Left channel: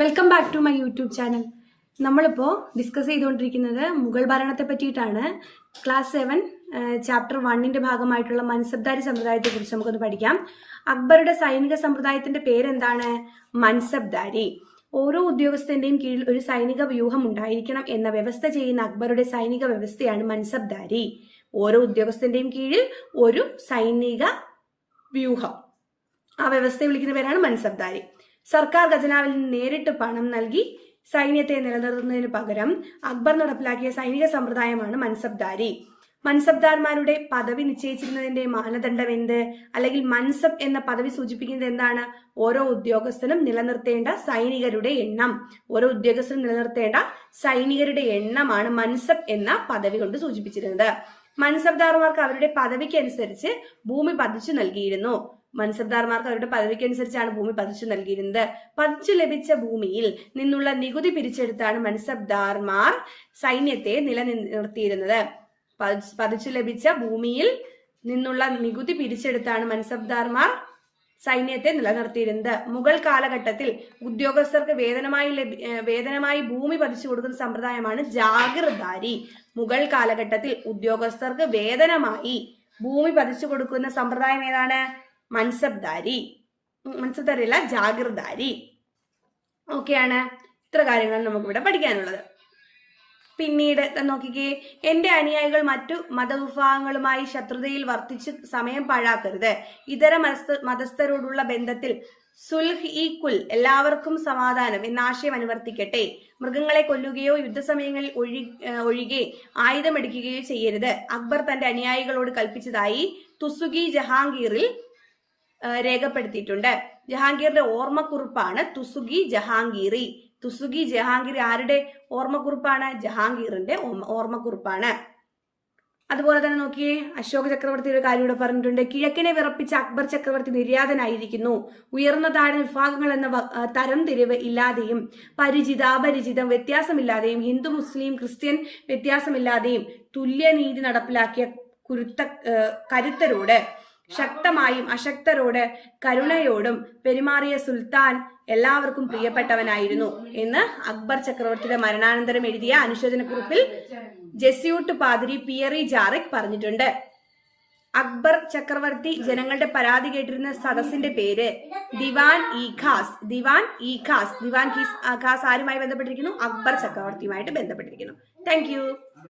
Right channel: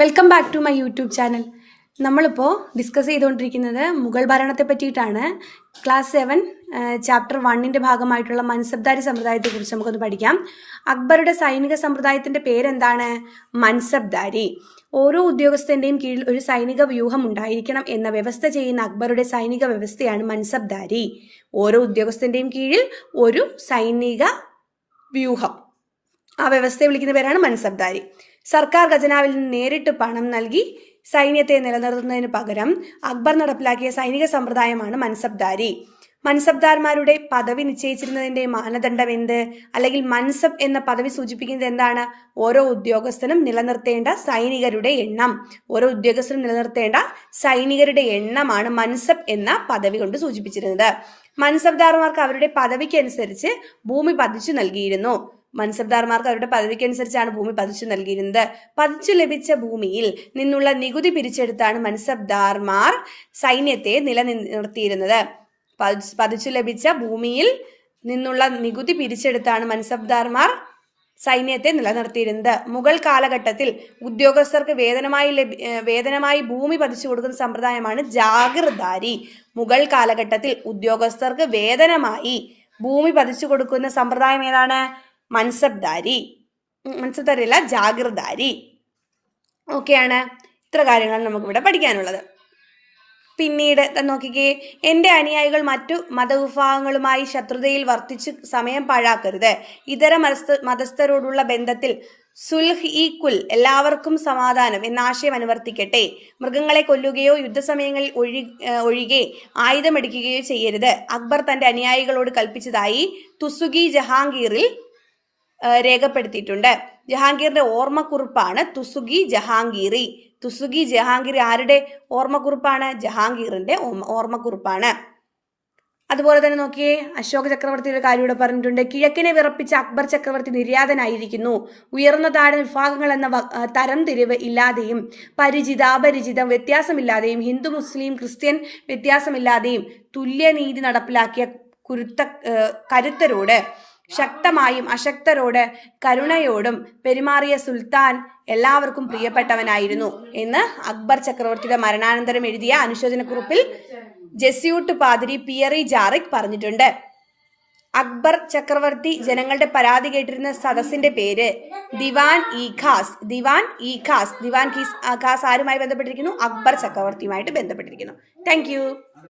Welcome back to my YouTube channel. നമ്മളിപ്പോൾ discuss ചെയ്തുകൊണ്ടിരിക്കുന്നത് മുഗൾ ഭരണത്തെ പറ്റിയിട്ടാണ്. ക്ലാസ് 7 ചാപ്റ്റർ 1 ഭാഗമായിട്ടുള്ള മൻസബ്ദാരി സമ്പ്രദായത്തെക്കുറിച്ച് നമുക്കൊന്ന് പഠിക്കാം. അക്ബറുടെ സൈനിക സമ്പ്രദായത്തിൻ്റെ പേരെന്താണ്? മൻസബ്ദാരി. ഓരോ ഉദ്യോഗസ്ഥൻ്റെയും കീഴിൽ ഒരു സൈനിക വ്യൂഹം ഉണ്ടായിരിക്കണം എന്ന വ്യവസ്ഥ ചെയ്യുന്ന അക്ബറുടെ സൈനിക വ്യവസ്ഥയാണ് മൻസബ്ദാരി. ഓരോ ഉദ്യോഗസ്ഥൻ്റെയും കീഴിൽ ഒരു സൈനിക വ്യൂഹം, ആ വ്യവസ്ഥയെ വിളിക്കുന്ന പേരാണ് മൻസബ്ദാരി. സർക്കാർ ഖജനാവിൽ നിന്ന് നേരിട്ട് പണം നൽകി സൈന്യത്തെ നിലനിർത്തുന്നതിന് പകരം അക്ബർ നടപ്പിലാക്കിയ സൈനിക സമ്പ്രദായമാണ് മൻസബ്ദാരി. മൻസബ്ദാർമാരുടെ പദവി നിശ്ചയിച്ചിരുന്നതിന്റെ മാനദണ്ഡം എന്ത്? അല്ലെങ്കിൽ മൻസബ് എന്ന പദവി സൂചിപ്പിക്കുന്നത് എന്താണ്? ഓരോ ഉദ്യോഗസ്ഥനും നിലനിർത്തേണ്ട സൈനികരുടെ എണ്ണം. ഓരോ ഉദ്യോഗസ്ഥനും നിലനിർത്തേണ്ട സൈനികരുടെ എണ്ണമാണ് മൻസബ് എന്ന പദവി കൊണ്ട് സൂചിപ്പിച്ചിരുന്നത്. മൻസബ്ദാർമാർക്ക് അവരുടെ പദവിക്ക് അനുസരിച്ച് ഭൂമി പതിച്ചു നൽകിയിരുന്നു. മൻസബ്ദാർമാർക്ക് അവരുടെ പദവിക്കനുസരിച്ചാണ് ഭൂമി പതിച്ചു നൽകിയിരുന്നത്. പതിച്ചു ലഭിച്ച ഭൂമിയിൽ നിന്നുള്ള നികുതി പിരിച്ചെടുത്താണ് മൻസബ്ദാർമാർ സൈന്യത്തെ നിലനിർത്തിയിരുന്നത്. പതിച്ചു ലഭിച്ച ഭൂമിയിൽ നിന്നുള്ള നികുതി പിരിച്ചെടുത്താണ് മൻസബ്ദാർമാർ സൈന്യത്തെ നിലനിർത്തിയിരുന്നത്. മുഗൾ കാലഘട്ടത്തിൽ ഉദ്യോഗസ്ഥർക്ക് വേതനമായി ഭൂമി പതിച്ചു കൊടുക്കുന്ന സമ്പ്രദായമാണ് ജാഗിർദാരി. മുഗൾ കാലഘട്ടത്തിൽ ഉദ്യോഗസ്ഥർക്ക് വേതനമായി ഭൂമി പതിച്ചു കൊടുക്കുന്ന സമ്പ്രദായം ഏതാണ്? മൻസബ്ദാരി. മൻസബ്ദാരി അല്ല, ജാഗിർദാരി. ഓക്കെയാണ്. ഇത്ര കാര്യങ്ങളാണ് നമുക്കിവിടെ പഠിക്കാനുള്ളത്. പിന്നീട് നോക്കിക്കേ, എൻ്റെ അനുയായികൾ മറ്റു മതവിഭാഗങ്ങളുമായി ശത്രുതയിൽ വർത്തിച്ച് സമയം പാഴാക്കരുത്. ഇതര മതസ്ഥരോടുള്ള ബന്ധത്തിൽ സുൽഹ് ഈ കുൽ, എല്ലാവർക്കും സമാധാനം എന്ന ആശയം അനുവർത്തിക്കട്ടെ. മൃഗങ്ങളെ കൊല്ലുകയോ യുദ്ധസമയങ്ങളിൽ ഒഴികെ ആയുധമെടുക്കുകയോ ചെയ്യരുത്. അക്ബർ തൻ്റെ അനുയായികളോട് കൽപ്പിച്ചതായി തുസുഖി ജഹാംഗീറിൽ രേഖപ്പെടുത്തിയിട്ടുണ്ട്. ജഹാംഗീറിന്റെ ഓർമ്മക്കുറിപ്പാണ് തുസുഖി ജഹാംഗീറി. തുസുഖി ജഹാംഗീറി ആരുടെ ഓർമ്മക്കുറിപ്പാണ്? ജഹാംഗീറിന്റെ ഓർമ്മക്കുറിപ്പാണ്. അതുപോലെ തന്നെ നോക്കിയേ, അശോക ചക്രവർത്തി ഒരു കാര്യം ഇവിടെ പറഞ്ഞിട്ടുണ്ട്. കിഴക്കിനെ വിറപ്പിച്ച അക്ബർ ചക്രവർത്തി നിര്യാതനായിരിക്കുന്നു. ഉയർന്ന താഴ്ന്ന വിഭാഗങ്ങൾ എന്ന തരംതിരിവ് ഇല്ലാതെയും പരിചിത അപരിചിതം വ്യത്യാസമില്ലാതെയും ഹിന്ദു മുസ്ലിം ക്രിസ്ത്യൻ വ്യത്യാസമില്ലാതെയും തുല്യനീതി നടപ്പിലാക്കിയ കരുത്തരോട് ശക്തമായും അശക്തരോട് കരുണയോടും പെരുമാറിയ സുൽത്താൻ എല്ലാവർക്കും പ്രിയപ്പെട്ടവനായിരുന്നു എന്ന് അക്ബർ ചക്രവർത്തിയുടെ മരണാനന്തരം എഴുതിയ അനുശോചനക്കുറിപ്പിൽ ജെസ്യൂട്ട് പാതിരി പിയറി ജാറിക് പറഞ്ഞിട്ടുണ്ട്. അക്ബർ ചക്രവർത്തി ജനങ്ങളുടെ പരാതി കേട്ടിരുന്ന സദസ്സിന്റെ പേര് ദിവാൻ ഇ ഖാസ്. ദിവാൻ ഖാസ് ആരുമായി ബന്ധപ്പെട്ടിരിക്കുന്നു? അക്ബർ ചക്രവർത്തിയുമായിട്ട് ബന്ധപ്പെട്ടിരിക്കുന്നു. താങ്ക്